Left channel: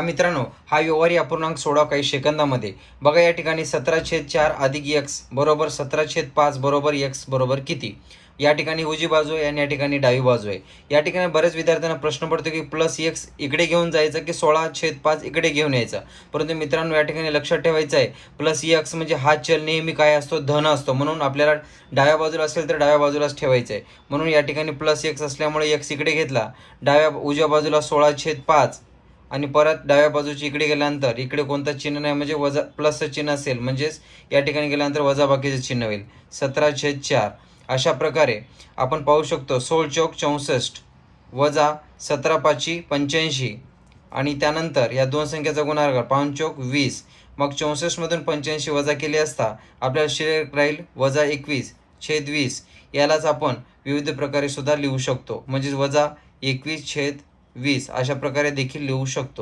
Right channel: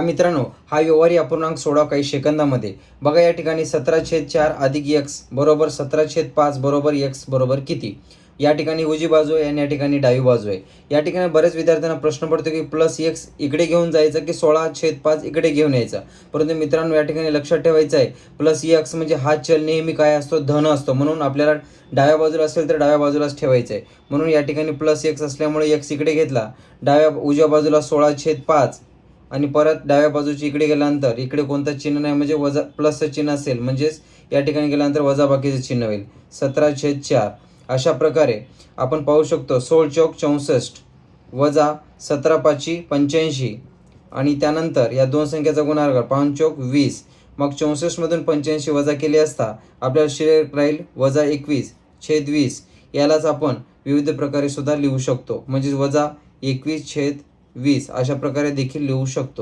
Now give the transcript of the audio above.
मित्रांनो, हा व्यवहारी अपूर्णांक सोडा काही सेकंदामध्ये. बघा या ठिकाणी 17/4 अधिक x बरोबर 17/5 बरोबर x बरोबर किती. या ठिकाणी उजवी बाजू आहे आणि या ठिकाणी डावी बाजू आहे. या ठिकाणी बऱ्याच विद्यार्थ्यांना प्रश्न पडतो की प्लस x इकडे घेऊन जायचा की 16/5 इकडे घेऊन यायचा. परंतु मित्रांनो, या ठिकाणी लक्षात ठेवायचं आहे, प्लस x म्हणजे हा चल नेहमी काय असतो, धन असतो. म्हणून आपल्याला डाव्या बाजूला असेल तर डाव्या बाजूलाच ठेवायचं आहे. म्हणून या ठिकाणी प्लस x असल्यामुळे x इकडे घेतला. उजव्या बाजूला 16/5 आणि परत डाव्या बाजूची इकडे गेल्यानंतर इकडे कोणतं चिन्ह नाही, म्हणजे वजा प्लसचं चिन्ह असेल, म्हणजेच या ठिकाणी गेल्यानंतर वजाबाकीचं चिन्ह होईल. 17/4 अशा प्रकारे आपण पाहू शकतो. 16×4 = 64 वजा 17×5 = 85 आणि त्यानंतर या दोन संख्येचा गुणाकार 5×4 = 20. मग 64मधून 85 वजा केले असता आपल्याला शिल्लक राहील वजा 21/20. यालाच आपण विविध प्रकारे सुद्धा लिहू शकतो, म्हणजेच वजा 21/20 अशा प्रकारे देखील लिहू शकतो.